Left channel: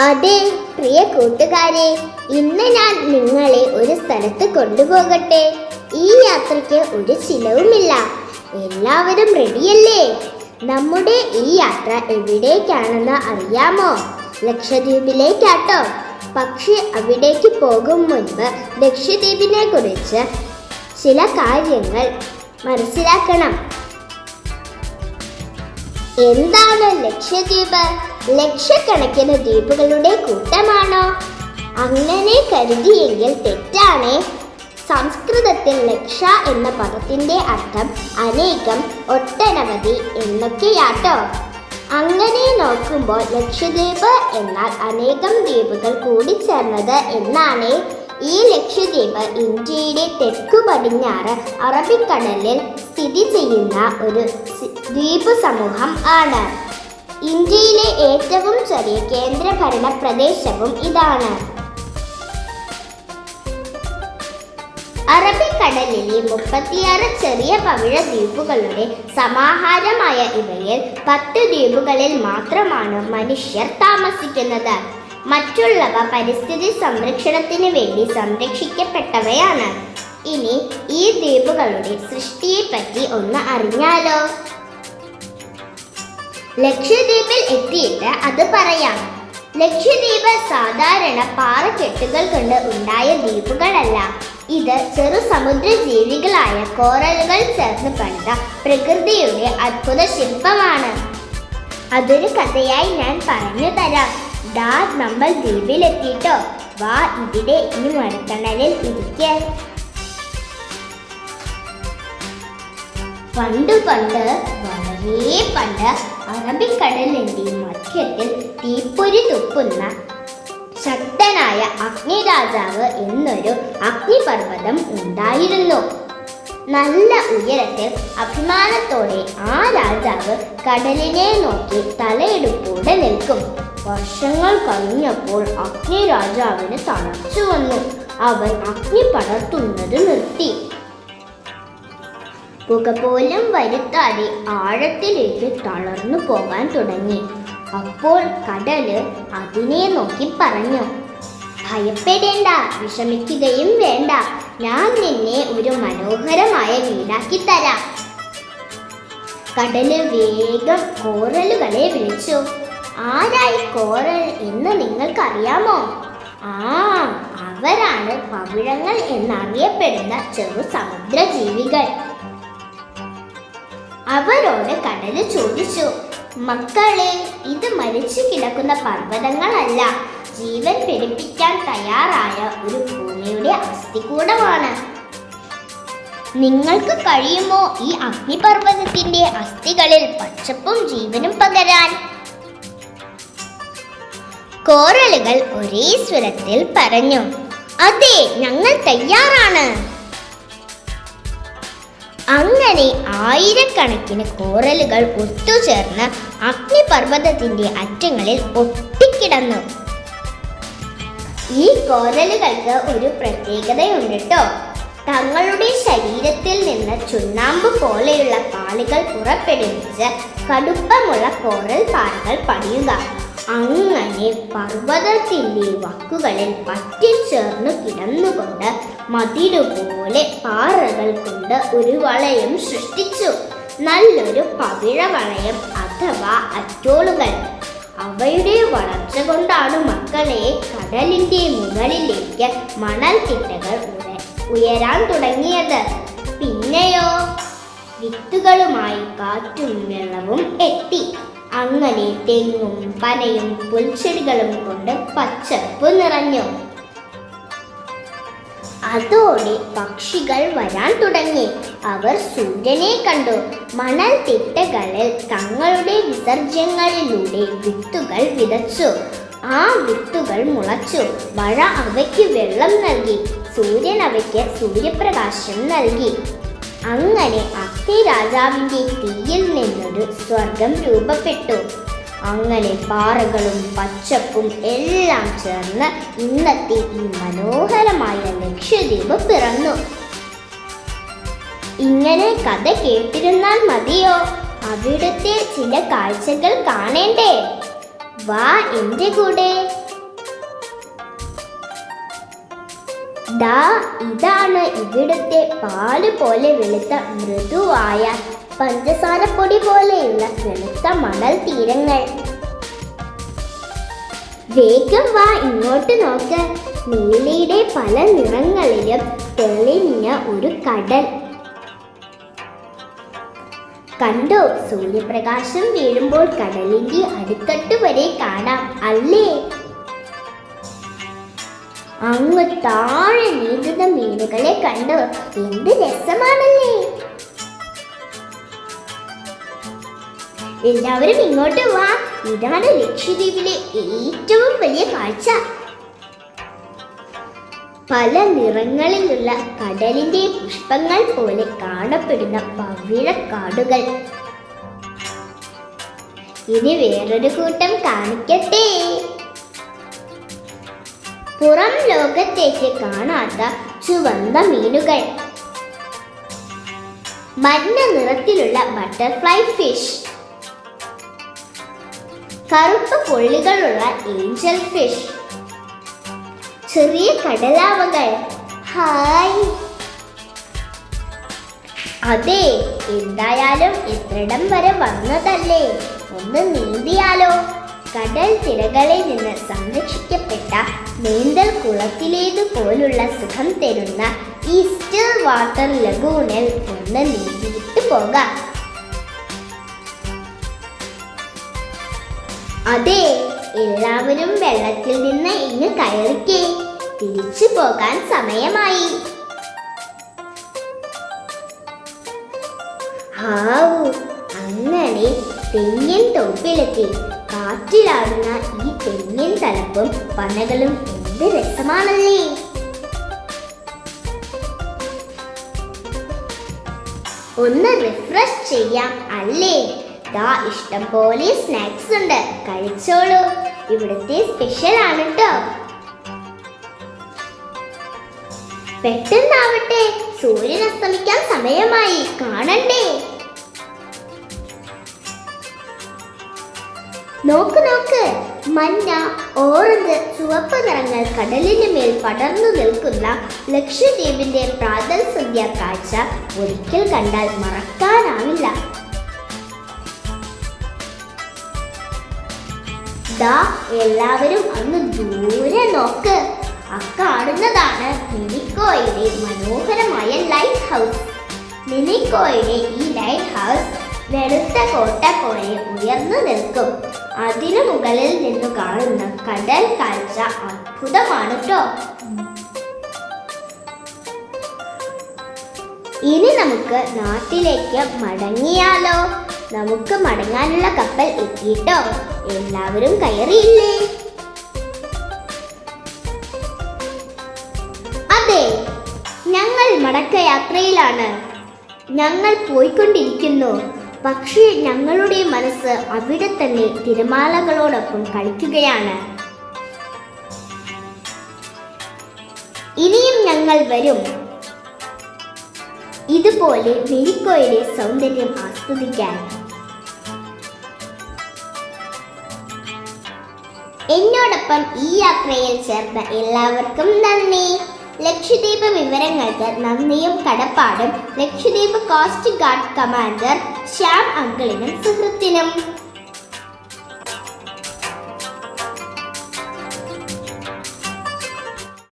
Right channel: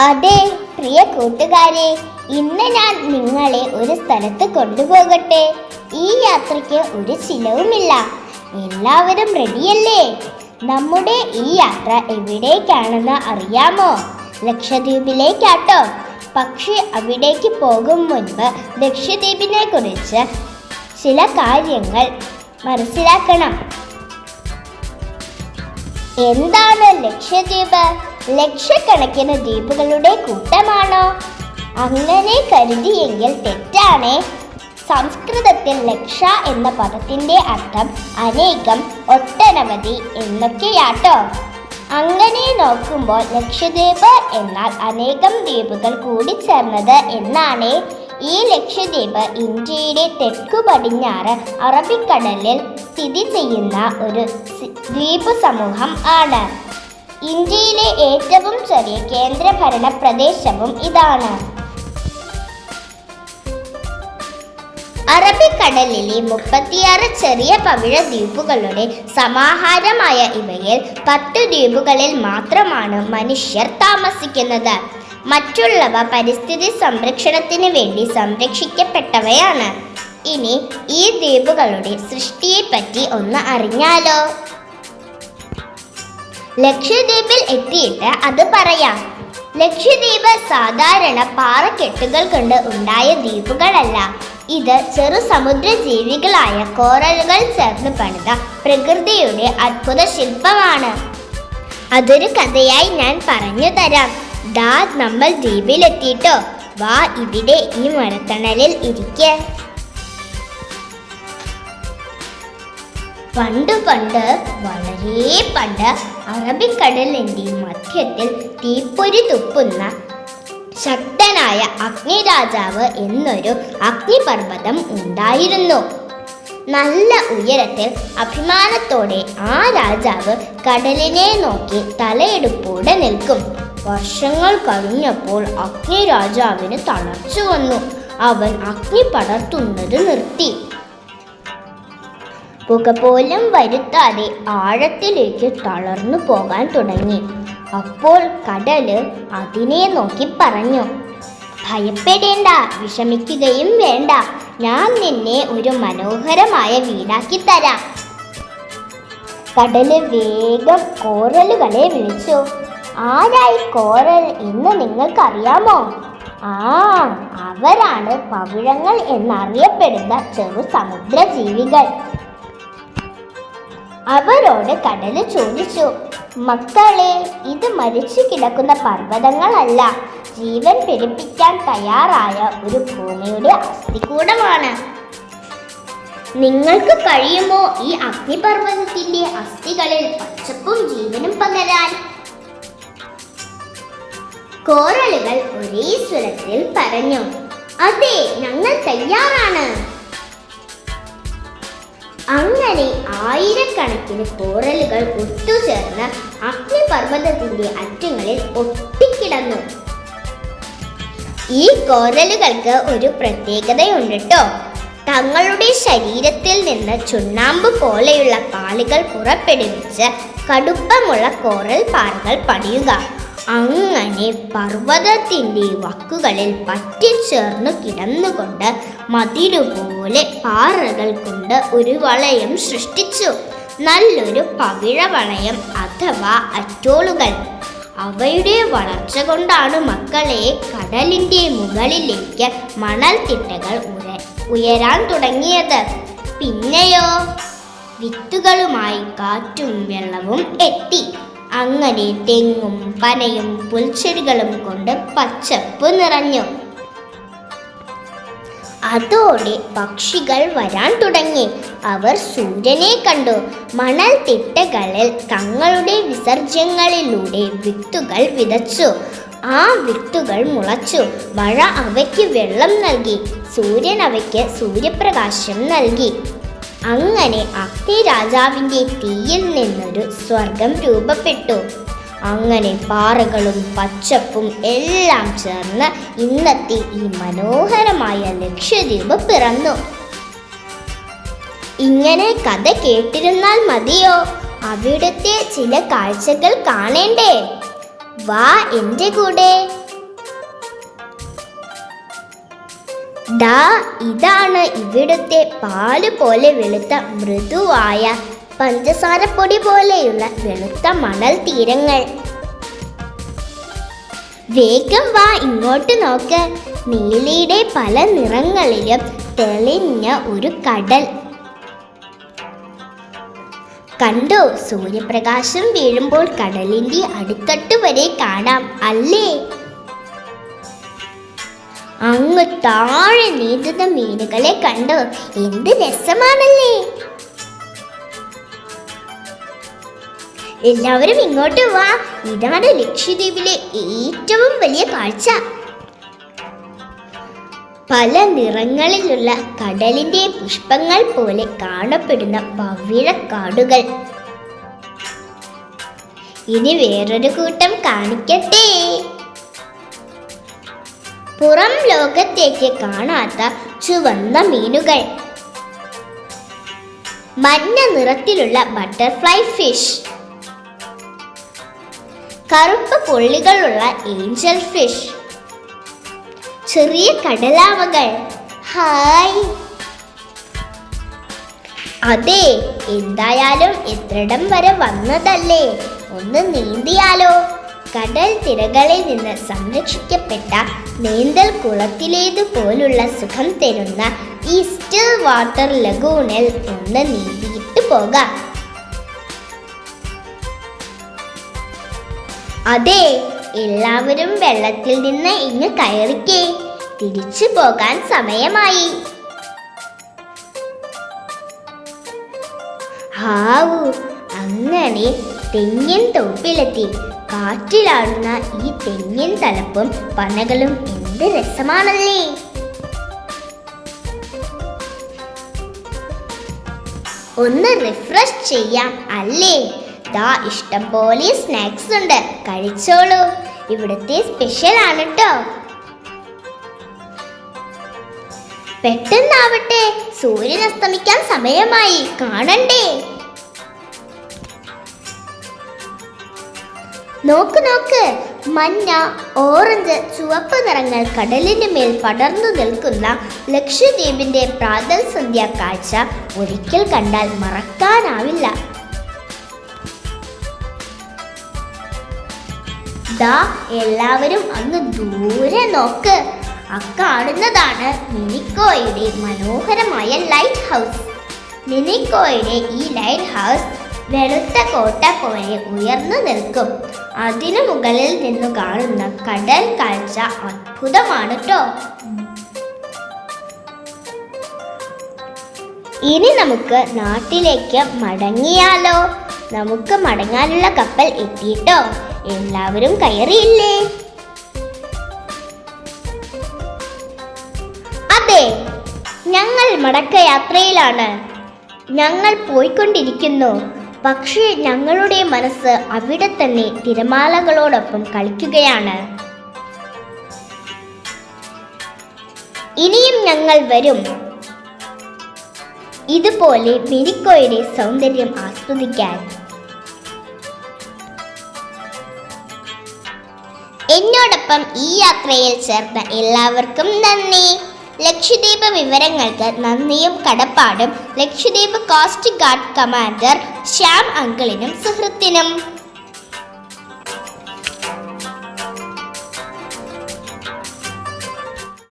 അതെ പ്രിയ കൂട്ടുകാരെ, ഇന്ന് ഞാൻ നിങ്ങളെ ഒരു സ്ഥലത്ത് കൊണ്ടുപോകട്ടെ. ഈ യാത്രയ്ക്ക് ഒരു ചിലവുമില്ല. എല്ലാവരും റെഡിയല്ലേ? നമ്മുടെ ഈ യാത്ര എവിടേക്കാണെന്ന് അറിയാമോ? ലക്ഷദ്വീപിലേക്കാട്ടോ. പക്ഷേ അവിടേക്ക് പോകും മുൻപ് ലക്ഷദ്വീപിനെ കുറിച്ച് ചില കാര്യങ്ങൾ മനസ്സിലാക്കണം. എന്താണ് ലക്ഷദ്വീപ്? ലക്ഷക്കണക്കിന് ദ്വീപുകളുടെ കൂട്ടമാണോ? അങ്ങനെ കരുതിയെങ്കിൽ തെറ്റാണേ. സംസ്കൃതത്തിൽ ലക്ഷ എന്ന പദത്തിന്റെ അർത്ഥം അനേകം, ഒട്ടനവധി എന്നൊക്കെയാട്ടോ. അങ്ങനെ നോക്കുമ്പോൾ ലക്ഷദ്വീപ് എന്നാൽ അനേകം ദ്വീപുകൾ കൂടിച്ചേർന്നത് എന്നാണ്. ഈ ലക്ഷദ്വീപ് ഇന്ത്യയുടെ തെക്കു പടിഞ്ഞാറ് അറബിക്കടലിൽ സ്ഥിതി ചെയ്യുന്ന ഒരു ദ്വീപ് സമൂഹം ആണ്. ഇന്ത്യയിലെ ഏറ്റവും ചെറിയ കേന്ദ്രഭരണ പ്രദേശവും ഇതാണ്. അറബിക്കടലിലെ 36 ചെറിയ പവിഴ ദ്വീപുകളുടെ സമാഹാരമായ ഇവയിൽ 10 ദ്വീപുകളിൽ മാത്രമാണ് മനുഷ്യർ താമസിക്കുന്നത്. മറ്റുള്ളവ പരിസ്ഥിതി സംരക്ഷണത്തിന് വേണ്ടി സംരക്ഷിക്കപ്പെട്ടവയാണ്. ഇനി ഈ ദ്വീപുകളുടെ സൃഷ്ടിയെപ്പറ്റി ഒന്ന് അറിഞ്ഞാലോ? ലക്ഷദ്വീപിൽ എത്തിയിട്ട് അത് പറയാം. ലക്ഷദ്വീപ് സാധാരണ പാറക്കെട്ടുകൾ കൊണ്ട് ഉണ്ടായ ദ്വീപുകളല്ല. ഇത് ചെറു സമുദ്ര ജീവികളായ കോറലുകൾ ചേർന്ന് പണിത പ്രകൃതിയുടെ അത്ഭുത ശില്പമാണ്. അതൊരു കഥയായി ഞാൻ പറഞ്ഞു തരാം. ദാ നമ്മൾ ദ്വീപിലെത്തിട്ടോ. വാ, ഇവിടെ ഈ മരത്തണലിൽ ഇരിക്ക. പണ്ട് വളരെ പണ്ട് അറബിക്കടലിന്റെ മധ്യത്തിൽ തീപ്പൊരി തുപ്പുന്ന ശക്തനായ അഗ്നിരാജാവ് എന്നൊരു അഗ്നിപർവ്വതം ഉണ്ടായിരുന്നു. നല്ല ഉയരത്തിൽ അഭിമാനത്തോടെ ആ രാജാവ് കടലിനെ നോക്കി തലയെടുപ്പോടെ നിൽക്കും. വർഷങ്ങൾ കഴിഞ്ഞപ്പോൾ അഗ്നിരാജാവിന് തളർച്ച വന്നു. അവൻ അഗ്നി പടർത്തുന്നത് നിർത്തി. പുക പോലും വരുത്താതെ ആഴത്തിലേക്ക് തളർന്നു പോകാൻ തുടങ്ങി. അപ്പോൾ കടല് അതിനെ നോക്കി പറഞ്ഞു, ഭയപ്പെടേണ്ട, വിഷമിക്കുകയും വേണ്ട. ഞാൻ നിന്നെ ഒരു മനോഹരമായ വീടാക്കി തരാം. കടല് വേഗം കോറലുകളെ വിളിച്ചു. ആരായി കോറൽ എന്ന് നിങ്ങൾക്കറിയാമോ? അവരാണ് പവിഴങ്ങൾ എന്നറിയപ്പെടുന്ന ചെറു സമുദ്ര ജീവികൾ. അവരോട് കടല് ചോദിച്ചു, മക്കളെ, ഇത് മരിച്ചു കിടക്കുന്ന പർവ്വതങ്ങളല്ല, ജീവൻ പിടിപ്പിക്കാൻ തയ്യാറായ ഒരു ഭൂമിയുടെ അസ്ഥികൂടമാണ്. നിങ്ങൾക്ക് കഴിയുമോ ഈ അഗ്നിപർവ്വതത്തിന്റെ അസ്ഥികളിൽ പച്ചപ്പും ജീവനും പകരാൻ? കോറലുകൾ ഒരേ സ്വരത്തിൽ പറഞ്ഞു, അതെ, ഞങ്ങൾ തയ്യാറാണ്. അങ്ങനെ ആയിരക്കണക്കിന് കോറലുകൾ ഒത്തുചേർന്ന് അഗ്നിപർവ്വതത്തിന്റെ അറ്റങ്ങളിൽ ഒട്ടിക്കിടന്നു. ഈ കോറലുകൾക്ക് ഒരു പ്രത്യേകതയുണ്ട് കേട്ടോ. തങ്ങളുടെ ശരീരത്തിൽ നിന്ന് ചുണ്ണാമ്പ് പോലെയുള്ള പാളികൾ പുറപ്പെടുവിച്ച് കടുപ്പമുള്ള കോറൽ പാറകൾ പണിയുക. അങ്ങനെ പർവ്വതത്തിന്റെ വക്കുകളിൽ പറ്റിച്ചേർന്നു കിടന്നുകൊണ്ട് മതിലുപോലെ പാറകൾ കൊണ്ട് ഒരു വളയം സൃഷ്ടിച്ചു. നല്ലൊരു പവിഴവളയം അഥവാ അറ്റോളുകൾ. അവയുടെ വളർച്ച കൊണ്ടാണ് മക്കളെ കടലിന്റെ മുകളിലേക്ക് മണൽത്തിട്ടകൾ ഉയരാൻ തുടങ്ങിയത്. പിന്നെയോ വിത്തുകളുമായി കാറ്റും വെള്ളവും എത്തി. അങ്ങനെ തെങ്ങും പനയും പുൽച്ചെടികളും കൊണ്ട് പച്ചപ്പ് നിറഞ്ഞു. അതോടെ പക്ഷികൾ വരാൻ തുടങ്ങി. അവർ സൂര്യനെ കണ്ടു. മണൽത്തിട്ടകളിൽ തങ്ങളുടെ വിസർജ്യങ്ങളിലൂടെ വിത്തുകൾ വിതച്ചു. ആ വിത്തുകൾ മുളച്ചു. മഴ അവയ്ക്ക് വെള്ളം നൽകി. സൂര്യൻ അവയ്ക്ക് സൂര്യപ്രകാശം നൽകി. അങ്ങനെ അഗ്നിരാജാവിന്റെ തീയിൽ നിന്നൊരു സ്വർഗം രൂപപ്പെട്ടു. അങ്ങനെ പാറകളും പച്ചപ്പും എല്ലാം ചേർന്ന് ഇന്നത്തെ ഈ മനോഹരമായ ലക്ഷദ്വീപ് പിറന്നു. ഇങ്ങനെ കഥ കേട്ടിരുന്നാൽ മതിയോ? അവിടുത്തെ ചില കാഴ്ചകൾ കാണേണ്ടേ? വാ എന്റെ കൂടെ. ദാ ഇതാണ് ഇവിടുത്തെ പാല് പോലെ വെളുത്ത മൃദുവായ പഞ്ചസാരപ്പൊടി പോലെയുള്ള വെളുത്ത മണൽ തീരങ്ങൾ. വേഗം വാ ഇങ്ങോട്ട് നോക്ക്. നീലിയുടെ പല നിറങ്ങളിലും തെളിഞ്ഞ ഒരു കടൽ. കണ്ടോ, സൂര്യപ്രകാശം വീഴുമ്പോൾ കടലിന്റെ അടിത്തട്ട് വരെ കാണാം അല്ലേ? അങ്ങ് താഴെ നീന്തുന്ന മീനുകളെ കണ്ടോ, എന്ത് രസമാണല്ലേ. എല്ലാവരും ഇങ്ങോട്ട് വാ. ഇതാണ് ലക്ഷദ്വീപിലെ ഏറ്റവും വലിയ കാഴ്ച. പല നിറങ്ങളിലുള്ള കടലിന്റെ പുഷ്പങ്ങൾ പോലെ കാണപ്പെടുന്ന പവിഴക്കാടുകൾ. ഇനി വേറൊരു കൂട്ടം കാണിക്കട്ടെ. പുറം ലോകത്തേക്ക് കാണാത്ത ചുവന്ന മീനുകൾ. മഞ്ഞ നിറത്തിലുള്ള ബട്ടർഫ്ലൈ ഫിഷ്. കറുപ്പ് പുള്ളികളുള്ള ഏഞ്ചൽ ഫിഷ്. ചെറിയ കടലാവകൾ. ഹായ്. അതെ, എന്തായാലും എത്രയിടം വരെ വന്നതല്ലേ, ഒന്ന് നീന്തിയാലോ. കടൽ തിരകളിൽ നിന്ന് സംരക്ഷിക്കപ്പെട്ട നീന്തൽ കുളത്തിലേതുപോലുള്ള സുഖം തരുന്ന ഈ സ്റ്റിൽ വാട്ടർ ലഗൂണിൽ ഒന്ന് നീന്തിയിട്ട് പോകാം. അതെ, എല്ലാവരും വെള്ളത്തിൽ നിന്ന് ഇങ്ങ് കയറിക്കേ. തിരിച്ചു പോകാൻ സമയമായി. ഹാവൂ, അങ്ങനെ തെങ്ങിൻ തൊപ്പിലെത്തി. കാറ്റിലാടുന്ന ഈ തെങ്ങിൻ തലപ്പും പനകളും എന്ത് രസമാണല്ലേ. ഒന്ന് റിഫ്രഷ് ചെയ്യാം അല്ലേ? ദാ ഇഷ്ടം പോലെ സ്നാക്സ് ഉണ്ട്, കഴിച്ചോളൂ. ഇവിടുത്തെ സ്പെഷ്യൽ ആണ് ട്ടോ. പെട്ടെന്നാവട്ടെ, സൂര്യൻ അസ്തമിക്കാൻ സമയമായി, കാണണ്ടേ. നോക്ക് നോക്ക്, മഞ്ഞ, ഓറഞ്ച്, ചുവപ്പ് നിറങ്ങൾ കടലിന് മേൽ പടർന്നു നിൽക്കുന്ന ലക്ഷദ്വീപിന്റെ പ്രാതൽ സന്ധ്യ കാഴ്ച ഒരിക്കൽ കണ്ടാൽ മറക്കാനാവില്ല. ദാ എല്ലാവരും അങ്ങ് ദൂരെ നോക്ക്. അക്കാണുന്നതാണ് മിനിക്കോയുടെ മനോഹരമായ ലൈറ്റ് ഹൗസ്. മിനിക്കോയുടെ ഈ ലൈറ്റ് ഹൗസ് വെളുത്ത കോട്ട പോലെ ഉയർന്നു നിൽക്കും. അതിനു മുകളിൽ നിന്ന് കാണുന്ന കടൽ കാഴ്ച അത്ഭുതമാണ് ട്ടോ. ഇനി നമുക്ക് നാട്ടിലേക്ക് മടങ്ങിയാലോ. നമുക്ക് മടങ്ങാനുള്ള കപ്പൽ എത്തിയിട്ടോ. എല്ലാവരും കയറിയില്ലേ? അതെ, ഞങ്ങൾ മടക്കയാത്രയിലാണ്. ഞങ്ങൾ പോയിക്കൊണ്ടിരിക്കുന്നു. പക്ഷേ ഞങ്ങളുടെ മനസ്സ് അവിടെ തന്നെ തിരമാലകളോടൊപ്പം കളിക്കുകയാണ്. ഇനിയും ഞങ്ങൾ വരും, ഇതുപോലെ മിനിക്കോയുടെ സൗന്ദര്യം ആസ്വദിക്കാൻ. എന്നോടൊപ്പം ഈ യാത്രയിൽ ചേർന്ന എല്ലാവർക്കും നന്ദി. ലക്ഷദ്വീപ് വിവരങ്ങൾക്ക് നന്ദിയും കടപ്പാടും Lakshadweep coast guard commander Shyam അങ്കിളിനും സുഹൃത്തിനും.